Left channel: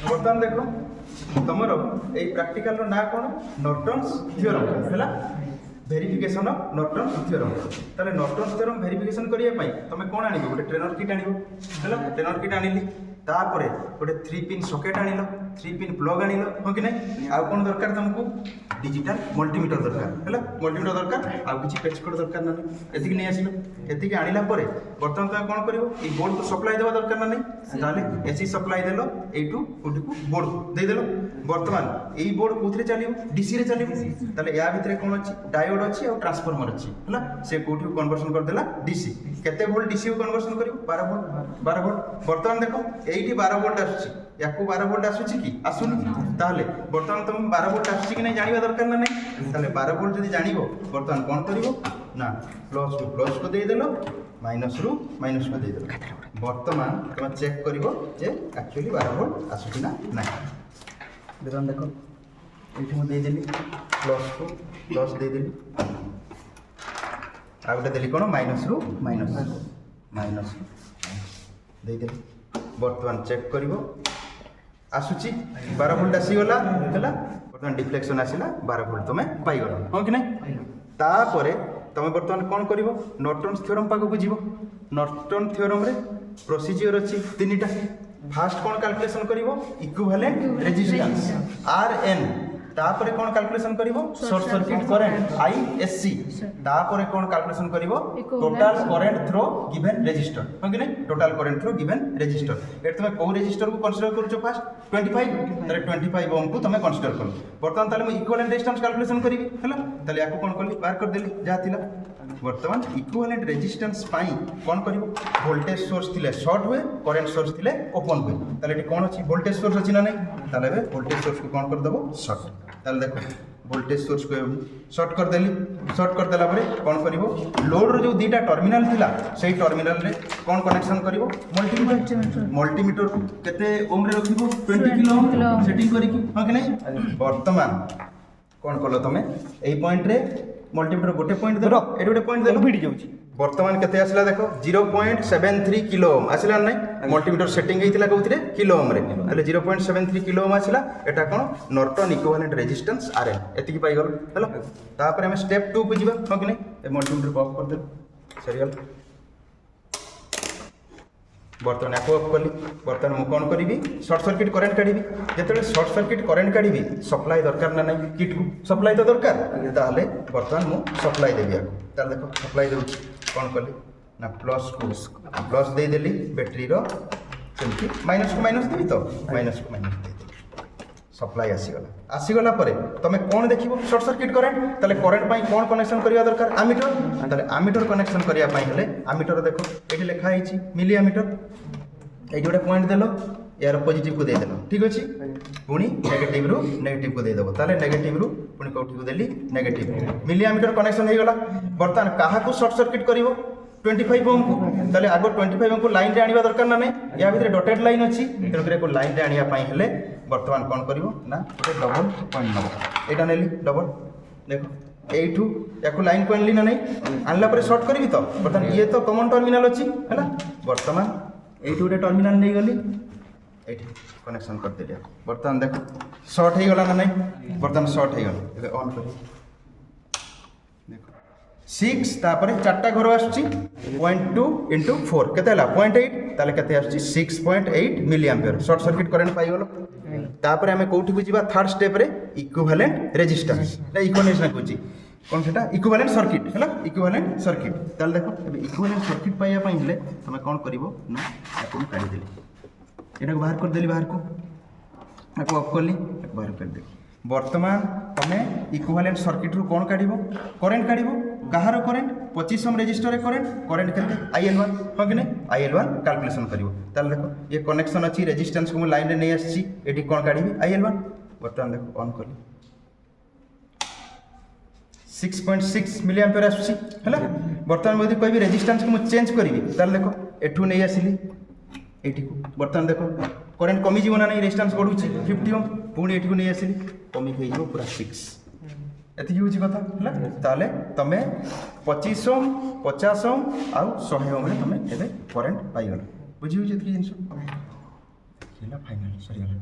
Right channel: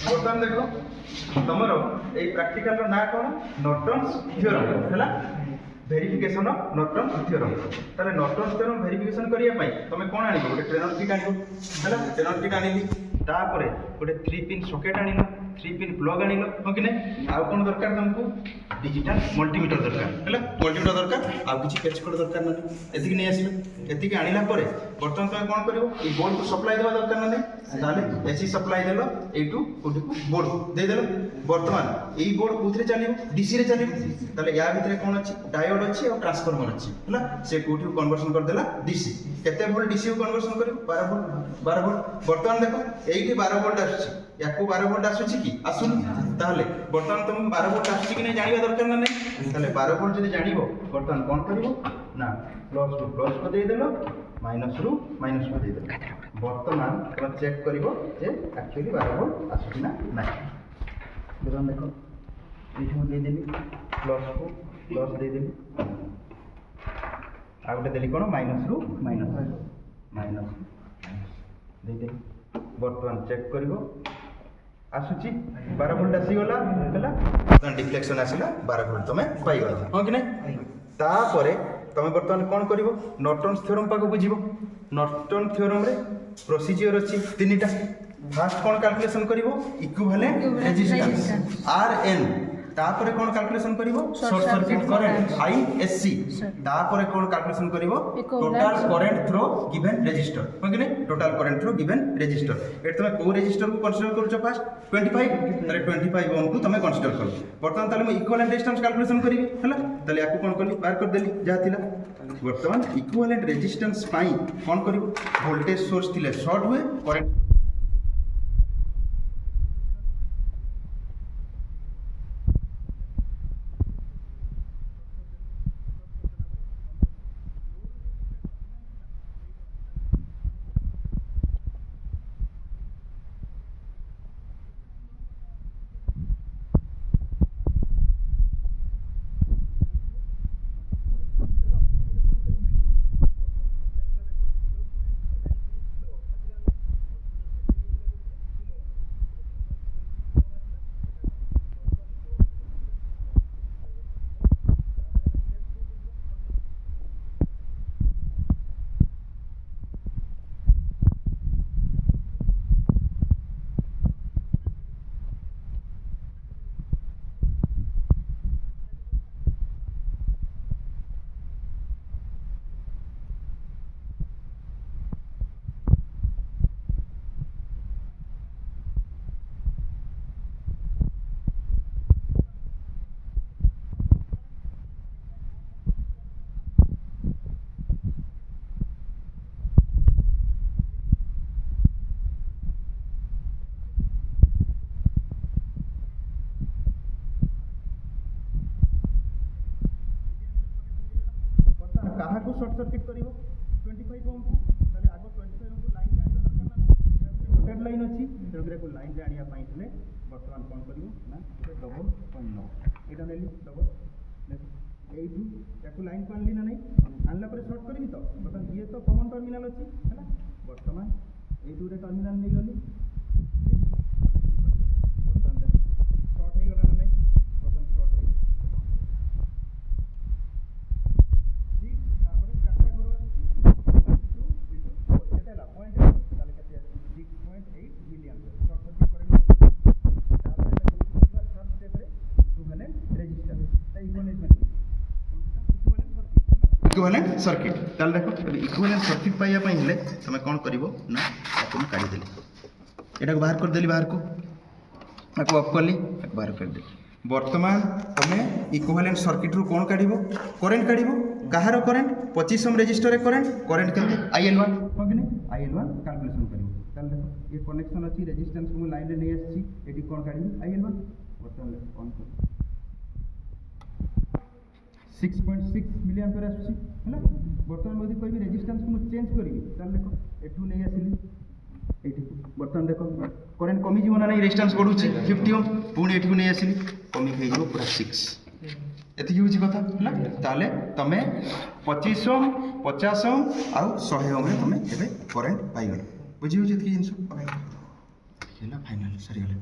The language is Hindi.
बर्तमान देख तुम ये प्रैक्टिकल ना कौन नॉर्टन्स थ्योरम है भेरिफिकेशन ऑफ नॉर्टन्स थ्योरम ताले नॉर्टन्स थ्योरम भेरिफिकेशन करने तुम कौन आनिबो गोटे ट्रेनर किट आनिबो है ट्रेनर किट आनिली तापर गोटे 3 पिन सॉकेट आनिलो 3 पिन प्लग आनिलो हो कि नहीं आउ कौन दरकार तुमको डिजिटल मल्टीमीटर दरकार है मल्टीमीटर दरकार आउ किसी पेच कोड दरकार ना एतिक नहीं आसिलो एतिक आनिला परे बर्तमान तुम कौन करिवो ई बोर्ड को सप्लाई देवा दरकार ना नहीं ताले एसी सप्लाई देलो एटू ओटी को बोर्ड को दे देलो बर्तमान ई बोर्ड कोथरे चलिबो डीसी रे चलिबो ताले या भितरे कौन अछि डायोड अछि और ट्रांसफार्मर अछि है से कोठी कन्वर्जन कर देला डीसी केते वोल्ट डीसी को कन्वर्जन करिवो 12 वोल्ट बर्तमान देखो एइटी 12 वोल्ट आछी याकू 12 वोल्ट आछुची कि आसुन ताले बर्तमान तुम 12 वोल्ट आछी कि नहीं जानिबा दरकार ना नहीं ताले 12 वोल्ट जदि जानिबो बर्तमान कोन करिवो ना प्लस टू प्लस को दे देलो माइनस रु माइनस को दे देलो बर्तमान तुम चेक करिवो जे एक्चुअली 12 वोल्ट आछुची ना नहीं बर्तमान देखो एठी मु दे देली प्लस को प्लस दे देली आ गोटे देली कोन माइनस रु माइनस माइनस दे देली बर्तमान चेक करिवो आसुची 12 वोल्ट आसीगला हैला बर्तमान डिफ्लेक्शन आसीला 12 वोल्ट तुम पाइगला हां कि नहीं तापरे तुम बर्तमान कौन करिवो नॉर्टन्स थ्योरम पाको बुझिवो नॉर्टन थ्योरम रे प्रोसीजर अछि तीनटा फास्ट कौन कैलकुलेशन करिवो इक्विवेलेंट रेजिस्टेंस आरएन तापर कौन कैलकुलेशन करिवो शॉर्ट सर्किट करंट आईएससी तापर कौन कैलकुलेशन करिवो total current through given resistor हो कि नहीं total current through given resistor एट तुम को रेजिस्टर को कंसीडर करूछो फास्ट 25 ताले 25 ओम को तुम कंसीडर करो बर्तमान ताले मैं इक्विवेलेंट रेजिस्टेंस कैलकुलेशन करिवि हला ताले याको कोन करली बाहर कर देली जा थिला बर्तमान इक्विवेलेंट रेजिस्टेंस पाई कोन करिवो वोल्टेज सोर्स थिले शॉर्ट हुए करंट सोर्स थिले ओपन हुए ताले एटी कोन अछि वोल्टेज सोर्स अछि ना नहीं ताले बे वोल्टेज सोर्स को कोन कर देबो शॉर्ट ताले देखो वोल्टेज सोर्स को शॉर्ट कर देली शॉर्ट कर देला परे कोन करिवो लोड रो जो दीटा टर्मिनल थिला सेही टर्मिनल रे कोन कनेक्शन करिवो मल्टीमीटर केते ओम रे रखिवो 20 किलो ओम सेटिंग करी कि हां कि नहीं बर्तमान कौन कल तुम यही पॉइंट रे मल्टीमीटर गोटे पॉइंट देलो एटी गोटे पॉइंट देलो भिडी जाउची बर्तमान केते आसला देखो 0.73 किलो ओम आसला नहीं मल्टीमीटर सेटिंग हेतिला कोथरे किलो ओम रे अले 0.73 किलो ओम आसला एटा कोन नॉर्टन इक्विवेलेंट रेजिस्टेंस आरएन एतिकी पाई गलो हेलो तापर हम स्टेप 2 को जिबा हो कि नहीं ए मल्टीमीटर को ऑफ कर दे सरीगल बर्तमान आपको ऑफ कली बर्तमान मु कौन करी शॉर्ट सर्किट करंट काढ़ी जिते शॉर्ट सर्किट करंट काढ़ी सप्लाई दरकार ना नहीं किट को सप्लाई तो दरकार ताहले बर्तमान मु सप्लाई देबी ताले देखो सप्लाई दउ कौन कली ना प्लस को प्लस दे देली बैटरी रो सेमती माइनस को माइनस देबी तो माइनस को माइनस दे सप्लाई आसीगला परे तुम कौन देखिबो शॉर्ट सर्किट करंट ताले करंट पाई कौन कनेक्शन करिया दरकार आमीटर ताले आमीटर कनेक्शन करिया पाई हेले आमीटर देखो एठी लिखा हिची मिली आमीटर एठी गोटे पॉइंट देलो यार पॉजिटिव को दे देलो ठीक अछि पुनी नेगेटिव रु नेगेटिव को दे देबो ताले नेगेटिव रु पुनी कोठी को देली नेगेटिव मिली आमीटर कनेक्शन हे गला बर्तमान काहा को शॉर्ट सर्किट करिवो 25 ओम को ताले आगो 25 ओम को लाइन रे आनिबा दरकार ना नहीं या भितरे डॉटेड लाइन अछि तेरे को लाइन रे आनिया पाई हेले बर्तमान कौन करिवो ना डबल पॉइंट नबो एटा नेली डबल देखो एठू याको लाइन को आनली ना नहीं आनला पर शॉर्ट करबी तो बर्तमान ये तो कॉमन टर्मिनल अछि हैला बर्तमान एठू गोटे टर्मिनल नै गली एठी कनेक्शन कर देलिया बर्तमान देखो शॉर्ट हे गला ना नहीं बर्तमान शॉर्ट हे गला एबे ऑन करी 6 तापर चारटा घर आछी 0.2 * 4 केते हला 0.8 ताले केते आछी 6.8 milli ampere short circuit current पाई गलो तापर हमें कोठी को जीवा थर्ड स्टेप रे इक्विवेलेंट रेजिस्टेंस ना इक्विवेलेंस ना कोची कौन सेटा इक्विवेलेंट सर्किट हैला इक्विवेलेंट सर्किट ताल देखो अबे इक्विवेलेंट सर्किट पाइया पई हेले तमे कोन करिवो ना आपन काढी देली एटा को बाहर कर देली बाहर को आपको ऑफ करली एक बाहर कर देली वर्तमान तमे इक्विवेलेंट सर्किट रु कोन काढिवो करंट काढिवो कहार करंट 25 ओम रेजिस्टर रे करंट केते IL1 हो कि नहीं IL1 कैलकुलेशन करिवो ताल देखो ये कनेक्शन अछि रेजिस्टेंस को लाइन रे नै आछि एटी कोन काढिबी IL1 बर्तमान देखो ऑन करली 6.6 मिली एम्पियर आछि हैला बर्तमान मोदी कहबी रेजिस्टेंस को चेंज करबी ताल देखो एठू नै आसिली एटी को बर्तमान देखो करंट कमी जीवना नहीं रेजिस्टेंस बढ़ुछि 50 ओम पुणी एठी को नै आसिली कमी खै जीवो पूरा 6 एति होछि कथा हैला ताले तमे 25 ओम 50 ओम आ 100 ओम रे तमे एबे करंट पाई गला बुझी होछि एति जिंस ହେଲା ଫାଇନାଲ୍ ସରିଗଲା।